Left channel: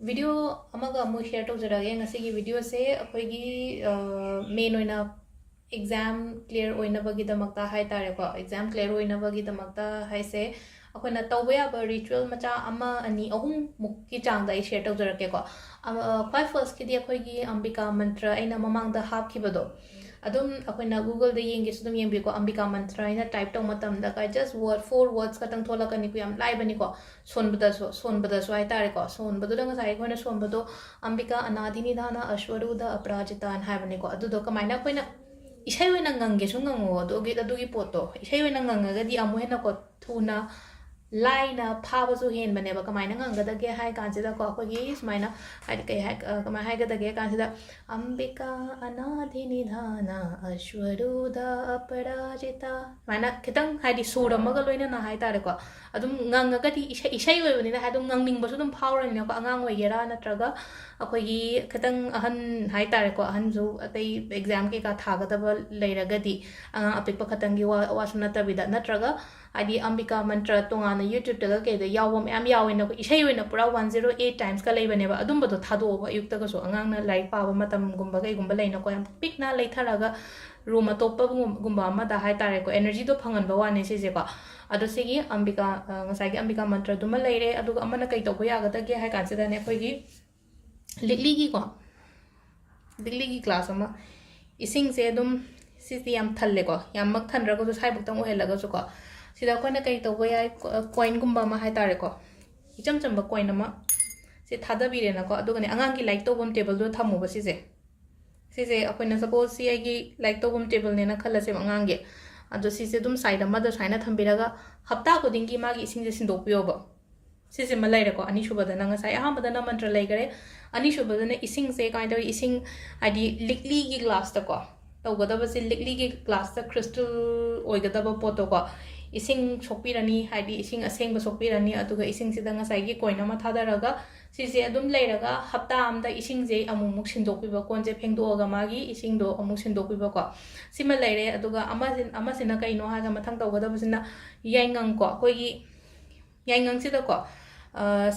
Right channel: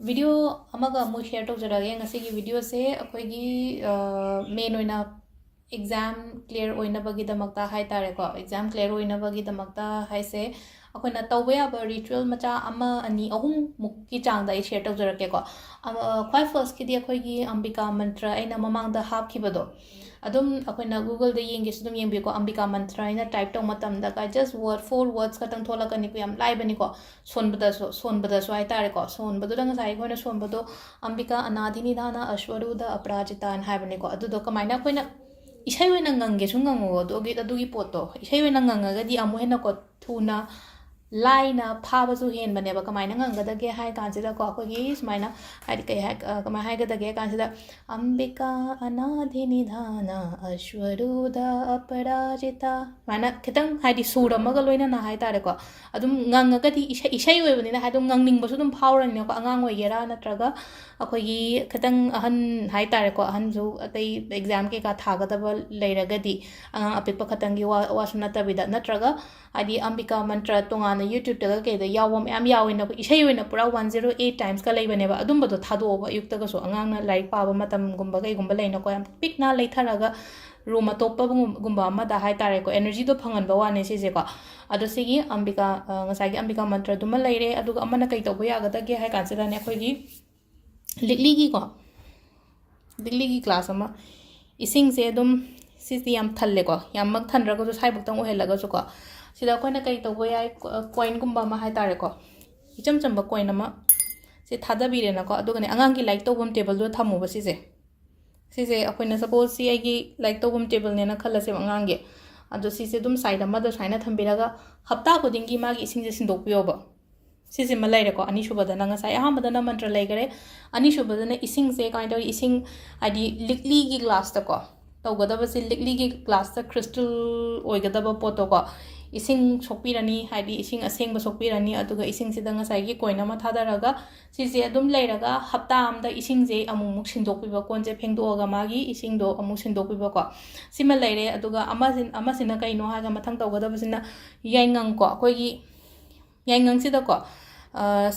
video अमगा अमु share तौजरगे ngasi video से अखोगी main ओइना exam clear ओइनबगी दमकता हाय तारे को एग्जाम क्लियर ओइनबगी दमकता हाय से अखोना तौबे याबा रिचुअल मचा अमा अनि अहुम मुक्की चांगदा आई शेयर तौजरगे को ख्वाइ फर्स्ट किदी अखोगी अंबिका मंत्र आइना ममांगदा हापखिबदो अदुम अखोना गूगल द येंगे सुदुम येंबिको अंबिका मंत्र आइना टाइप तौ मतम दा का जस्ट वर्ड 4 वर्ड्स खतंग थोलकनी को याम लाइबनी को सोनबदसो हाय तारे को सोनबदो दंग साइ खोना सोनबदो अंबिका अनादिनिधाना अश्वरूद अपराजितान हायबनी को अदुदो कमाइना खोना इसाई ओइना ngange su ngango adugi poto isai oina ngangaga di amu hena ko thuna laina phaba su hen bane ba kamaina ngangada ge hai kansida ko akogi smaina hai kai hai kamai hai gada ge kansida ambika anadhi nidhana ashwaruda aparajita mana kitang hai di sura maga loina na hai tare ko adum ngangaga di isai oi bani na hai dum ngangning ba su dum phauran ne ko angang oi gera natraga अखोगी खतंग अहन high तारे को अहन जो अतई exam के का थागदब लेरगदी अपिक खतंगी वासु नतबिदा नत्रगा आदि अंबिका मंत्र तोंगाना YouTube तगा केदा यावम याम यावेना को इसै ओइना पुरा 108 टाइम्स का लेबनेबा अदुमबदो थादोबा युक्तगा सो अंगांगना लाइक पाबा मतम गुंबा गैगुंबा लेना को याम पिकना लेथरागा रूम अतोपा गुंबा अमदा हाई तारे को एनर्जी दो फंगनबा वाने सिजे को अदो सिगी अंबिका ngसाइगी अंबिका मंत्र दुमा लेरे अदुगा अमना कै तोबो यागदगे हाई कांसिदाने अखोगी लिगली की क्लास अमा इसिंग से अदुम सिसी याम थल्ले को याम मग थनरगो जो साइ बुक्तंग ओहेलगा जो को सिदा कोइना कै तोबो याय कॉइन गुम्बा मा हाय तारे को इचम चंबा कॉइन अमा से थादा बिरेना को अदुगने अंगांग की लाइक तोबम टेबल दो थमोबा सिसे अखोइना सपोज सी आइगी लाइक तोबम टेबल नेना खलसे अंगांगे अदो सिसे दुम साइड अमा द साइना थंबिरागा हप्ता खुदिंगी मागी इसिंग जे सिंदोपियोबा सिसे मलाइरेको अनिशुबदना ngसाइ अहमदना मंत्र लेगरे अनिशुबदना इसिंग से काइंड ऑफ इसिंग आदि लिकली की ग्लास तको तौगदब से लिकली की ग्लास त क्रिस्टल ओइगदब पोतो को इसिंग सोपिरनी हाइदि इसिंग असेंग सोपिरनी अदुगा इसिंग से ngसाइ की कोइन मा थादरगा सिसे अदुम लेरगा हप्ता आमदा इसिंग जे अमुमुक सिंदोपिबा कोनजे फेंगदोगा मागी इसिंग दो अमु सिंदोपिबा को सिमा लेरे अदुगा अमासिना कइनो हागा मथंग तौगदबसिना याइंगंग को कोइगी याइंगंग सिदा को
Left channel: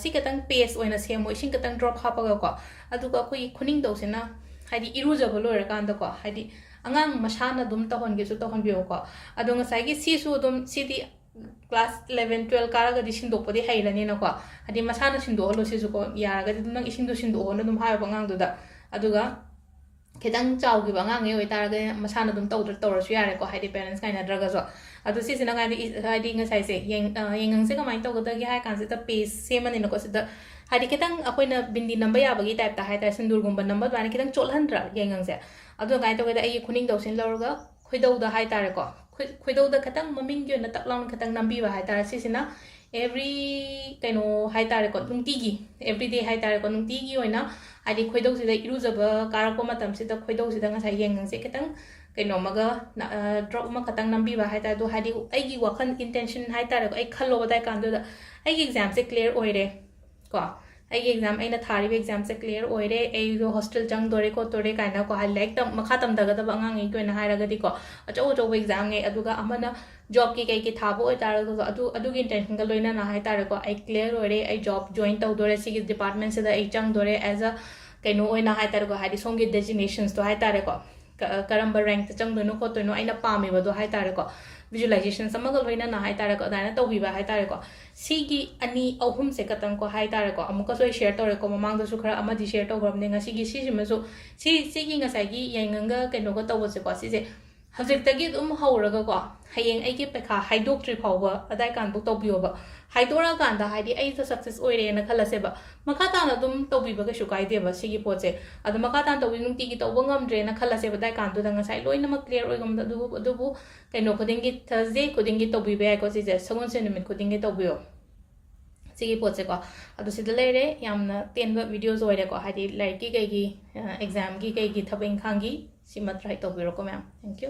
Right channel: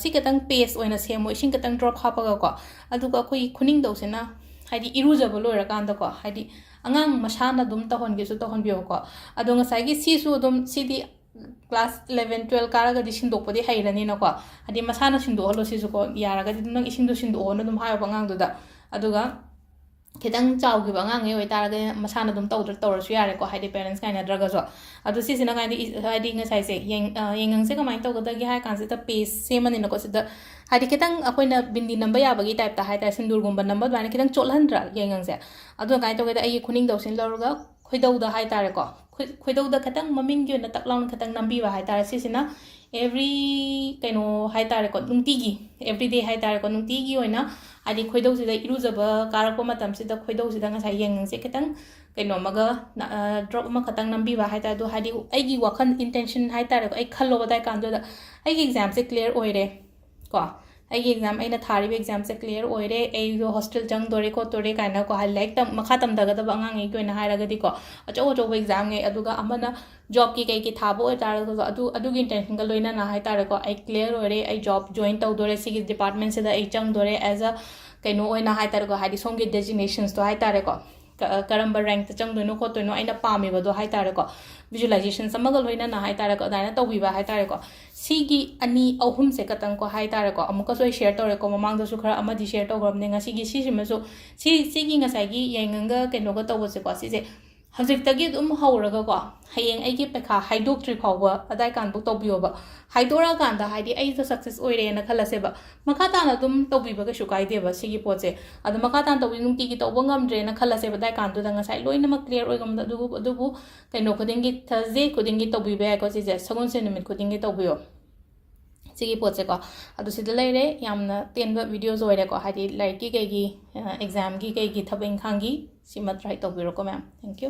सी खतंग पेस्ट ओइना सेमो इसिंग खतंग ड्रॉप हापगा को अदुगा कोई खुनिंग दौसेना हाइदि इरुजब लोइरकांदा को हाइदि अंगांग मसाना दुम तहनगे सु तहनबियो को अदो ngसाइगी सिसु दुम सिदि क्लास 11 12 कारागा दि सिंदोपदि हैरनी न को हाइदि मसाना सिंदो हलो सिसु को यारागा दि नंग इसिंग दो सिंदो न दुम हायो बंगांग दुदा अदुगा खितंग चाउगी बंगांग ए ओइतारगा मसाना दुम तौरसु यारे को हाइदि पेरेंट्स काइना ड्रगा जो अदु सिसिना गाइदि हाइदि ngसाइ से येंगंग से कमाइन तौगदगी हाय कांसे त पेस सेमनि न को सिदा हाइदि खितंग अखोइना बिंदी नंबर याबगी टाइप ता हाय ता सिंदूरगुंबा नंबर बाने खितंग चोलहनद्रा येंगंग से अदु गाइ तौगदा आई खुनिंग दौसिन लौरगा खोइदौदा हाय तारे को खोइदौदा खितंग ममिंग यो न तकलाउन खितंग नंबीबा हाय तारे सिसिना एवरी कैनो हाय तारे को नुंतीगी एवरीडे हाय तारे को नुंतीगी ओइना हाइदि खोइदौसिदा इरुजबा कारको मतम सिदा खोइदौसिदा ngसाइ येंगंग से खितंग कैनो मगा ड्रॉप मा खतंग नंबीबा हाय तारे दो हाइदि आइगी वखन इंटेंशन हाय तारे को आई खल्लो बदाय कांदोदा आइगी एग्जाम से क्लियर ओइरे को आइगी एग्जाम आइना थारिबे एग्जाम से क्लियर ओइरे आई दो हॉस्टल जंग दोरे को तोरे काइना को हाइलाइट तम मखा तम दगदब अंगांग ए कोइना हायरगदि को अचो एग्जाम ए अदुगा अमना जॉब की कई थाबो ओइ तारे को अदुगी इंटेंशन का लोइना ना हाय तारे को आई क्लियर ओइरे आई जॉब जॉइन तौ दोरे सिगी डिपार्टमेंट से द आई जंग दोरे एज अ कैनो ओइना हाय तारे को हाइदि सोंगी डेजिग्नेशंस तो हाय तारे को करम्ब रैंक चंगदोनो खोतोनो आइना पामिबदो हाय तारे को विजुअलाइजेशन समगल होइना ना हाय तारे को दाना तौबिबा हाय तारे को सिगी अनि अहुम से कतंग को हाय तारे को अमुका सोय शेयर तौरे को ममांग दसु खरा अमदि शेयर तौग्रमने ngasiगी सिसिमसु सिगी ngसाइगी येंगंगा केनोगा तौबसे को सिजे हजिक्तगी दुम हौरगा को हयेंग आइगी पेखा हाइदोक्ट्रि फावबा अदाय कानबु तौबियोबा हाइदोरा कांदा हाइदि आई तो सक्सेस ओइरे न खलसेबा मखा ताना दुम तौबिबा के शुकाइदेबा सिगी पोचे अद मखा तान तौबि नुंतिगी तौबा ngamdre na खलसेबा दाय कांदो दा ngसाइ लोइना मा क्लियर ओइगम दुबु कैनो खुदिंगी थर्सडे खुदिंगी तौबिबा को सिजे सगुन से निमित खुदिंगी तौबियो सिगी पोचे को अदु सिदा लेरे यामना तेनबा वीडियोस ओइरे को हाइदि लाइक की कई एग्जाम की कई थबें खांगी सिमा ट्राई तौबिरो को मैम थैंक यू